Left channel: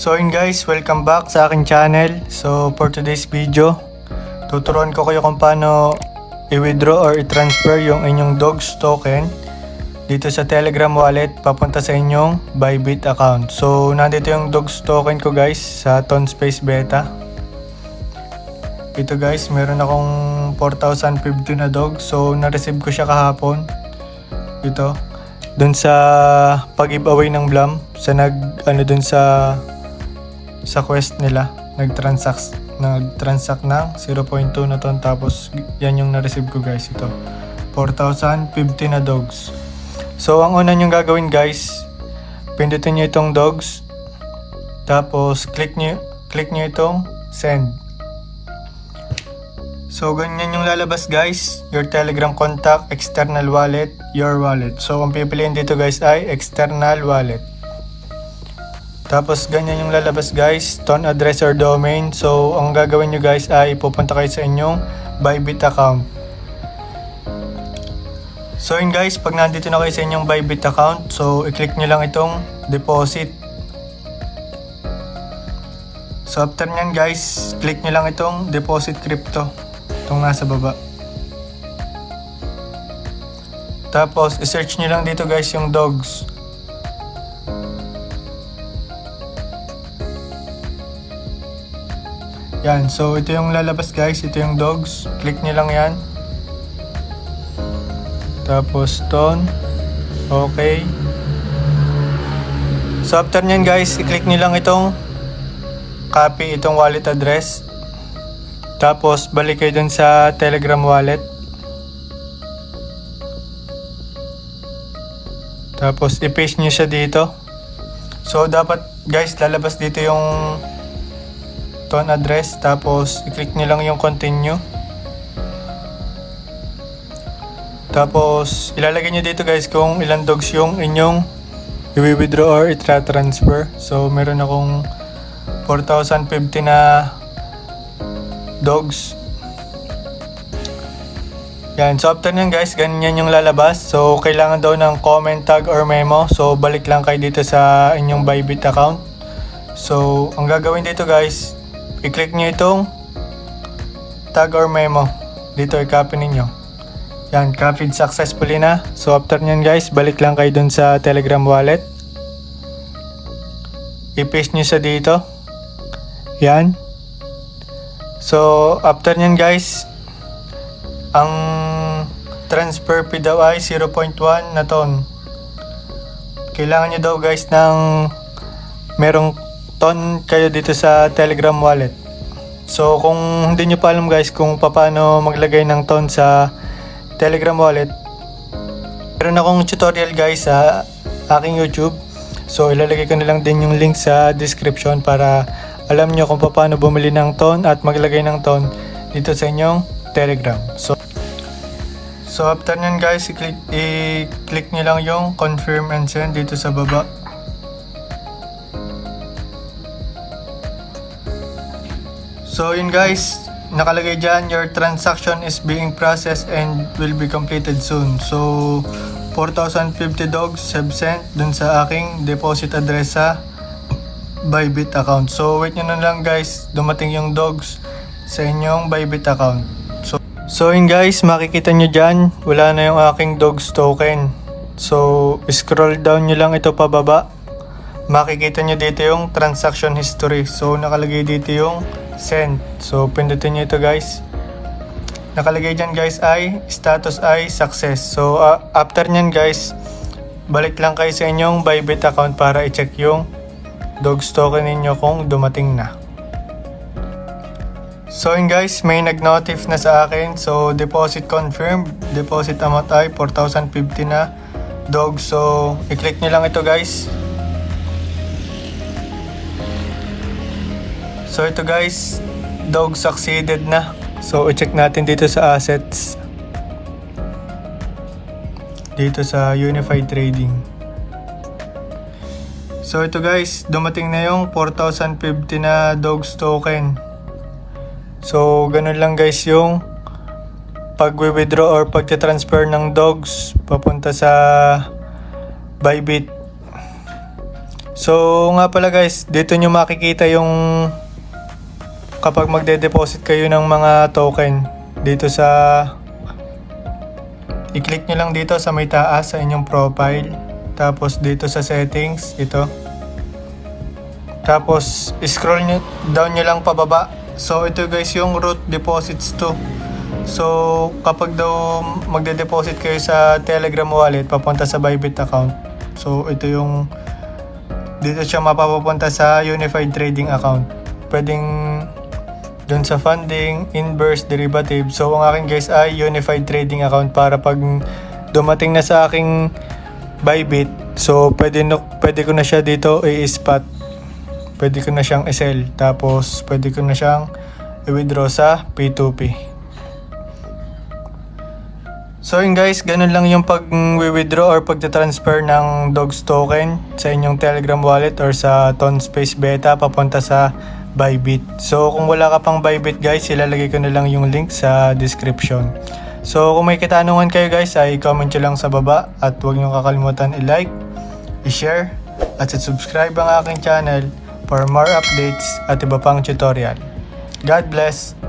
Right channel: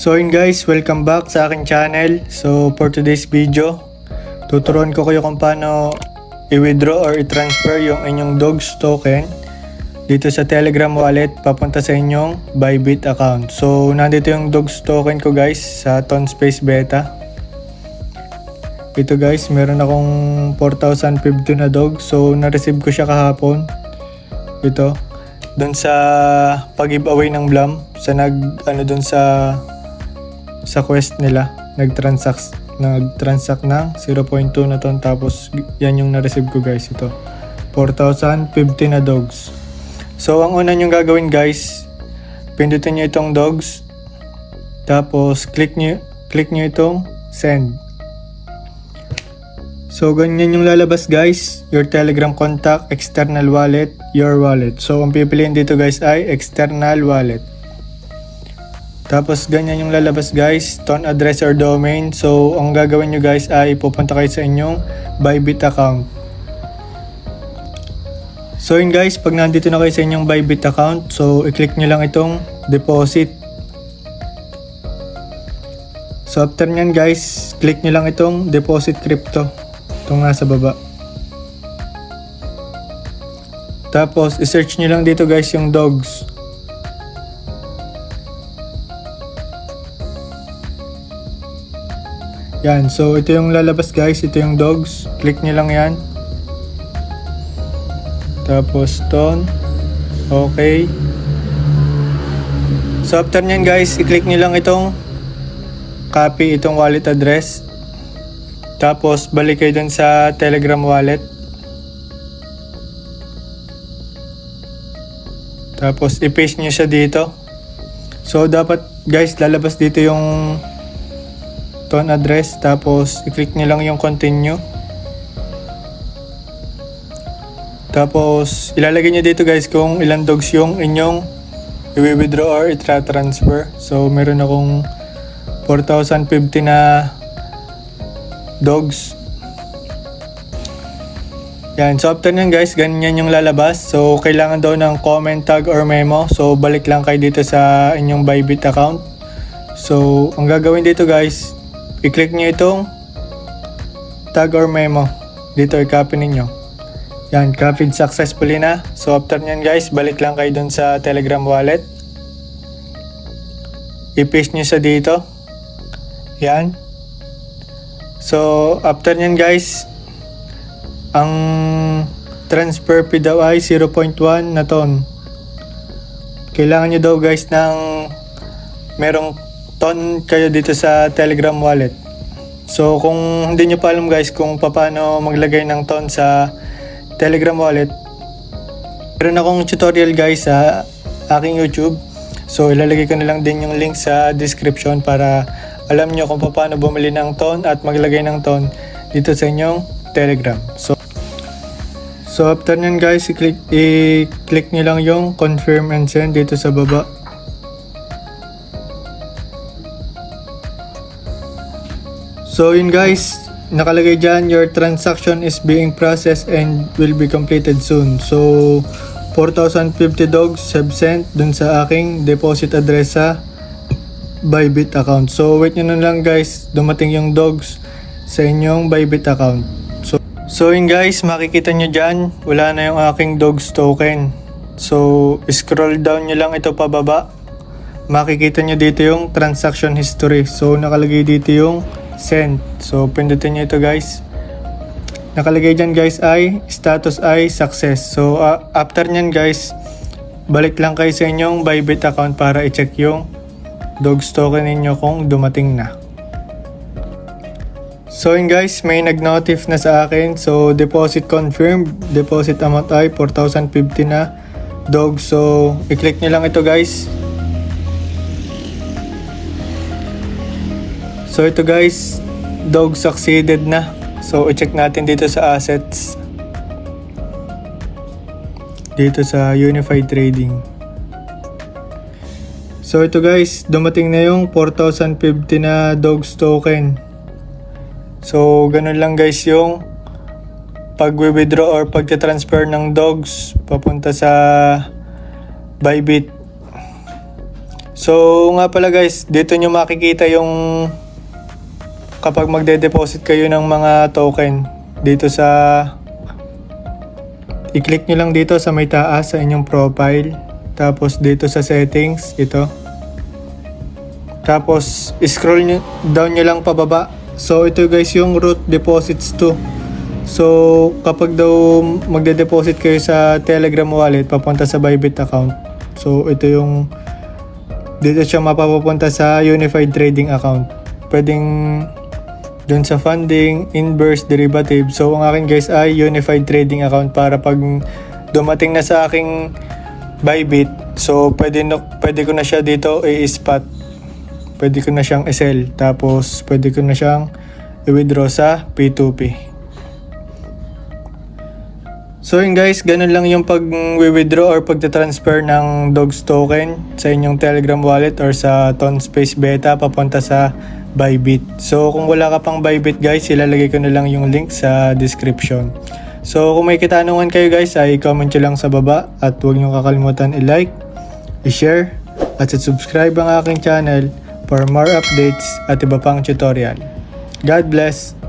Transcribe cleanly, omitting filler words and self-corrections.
So yun guys, welcome back sa aking channel. So for today's video, tuturuan ko kayo kung paano i-withdraw or i-transfer yung inyong Dogs token dito sa Telegram wallet papunta sa inyong Bybit account. So nandito yung Dogs token ko guys sa Tonspace Beta. Ito guys, meron akong 4,050 na dog. So na-receive ko siya kahapon. Ito dun sa pag-giveaway ng Blam sa dun sa quest nila, nag-transact ng 0.2 na ton, tapos yan yung na-receive ko guys. Ito 4,050 na dogs. So ang una nyong gagawin guys, pindutin nyo itong dogs, tapos click nyo itong send. So ganyan yung lalabas guys, your Telegram contact, external wallet, your wallet. So ang pipiliin dito guys ay external wallet. Tapos ganyan yung lalabas guys, ton address or domain. So ang gagawin nyo guys ay pupunta kayo sa inyong Bybit account. So yun guys, pag nandito na kayo sa inyong Bybit account, so i-click nyo lang itong deposit. So after nyan guys, click nyo lang itong deposit crypto, itong nasa baba. Tapos i-search nyo lang dito guys yung dogs. Yan, so ito yung lalabas guys, ito yung dogs. Click nyo lang yan. Tapos ton. Okay. So after nyan guys, i-click nyo lang itong copy itong wallet address. Tapos balik kayo dun sa Telegram wallet. Tapos i-paste nyo siya dito. So dapat guys, lalabas dito yung ton address, tapos i-click nyo lang yung continue. Tapos ilalagay nyo dito guys kung ilang dogs yung inyong i-withdraw or i-transfer. So meron akong 4,050 na dogs. Yan, so after nyan guys, ganyan yung lalabas. So kailangan daw ng comment, tag or memo. So balik lang kayo dito sa inyong Bybit account. So ang gagawin dito guys, i-click nyo itong tag or memo. Dito i-copy ninyo. Yan, copied successfully na. So after nyan guys, balik lang kayo dun sa Telegram wallet. I-paste nyo sa dito. Yan. So after nyan guys, ang transfer fee daw ay 0.1 na ton. Kailangan nyo daw guys ng merong ton kayo dito sa Telegram wallet. So kung hindi nyo pa alam guys kung paano maglagay ng ton sa Telegram wallet, meron akong tutorial guys sa aking YouTube. So ilalagay ko na lang din yung link sa description para alam nyo kung paano bumili ng ton at maglagay ng ton dito sa inyong Telegram. So after nyan guys, i-click nyo lang yung confirm and send dito sa baba. So yun guys, nakalagay dyan, your transaction is being processed and will be completed soon. So 4,050 dogs have sent dun sa aking deposit address sa Bybit account. So wait nyo na lang guys, dumating yung dogs sa inyong Bybit account. So yun guys, makikita nyo dyan, wala na yung aking dogs token. So scroll down nyo lang ito pababa. Makikita nyo dito yung transaction history. So nakalagay dito yung send. So pindutin nyo ito guys. Nakalagay dyan guys ay status ay success. So after nyan guys, balik lang kayo sa inyong Bybit account para i-check yung dogs token ninyo kung dumating na. So yun guys, may nag-notif na sa akin. So deposit confirmed. Deposit amount ay 4,050 na dogs. So i-click nyo lang ito guys. So ito guys, dog succeeded na. So i-check natin dito sa assets. Dito sa Unified Trading. So ito guys, dumating na yung 4,050 na dogs token. So ganun lang guys yung pag-withdraw or pag-transfer ng dogs papunta sa Bybit. So nga pala guys, dito nyo makikita yung kapag magde-deposit kayo ng mga token dito sa i-click nyo lang dito sa may taas sa inyong profile, tapos dito sa settings ito, tapos scroll nyo, down nyo lang pababa. So ito guys yung root deposits to. So kapag daw magde-deposit kayo sa Telegram wallet papunta sa Bybit account, so ito yung dito siya mapapapunta sa Unified Trading Account. Pwedeng dun sa funding, inverse, derivative. So ang akin guys ay Unified Trading Account para pag dumating na sa aking Bybit, so pwede ko na siya dito i-spot. Pwede ko na siyang i-sell. Tapos pwede ko na siyang i-withdraw sa P2P. So yun guys, ganun lang yung pag-withdraw or pagta-transfer ng Dogs token sa inyong Telegram wallet or sa Tonspace Beta papunta sa Bybit. So kung wala ka pang Bybit guys, ilalagay ko na lang yung link sa description. So kung may katanungan kayo guys, ay comment nyo lang sa baba at huwag nyo kakalimutan i-like, i-share at subscribe ang aking channel for more updates at iba pang tutorial. God bless!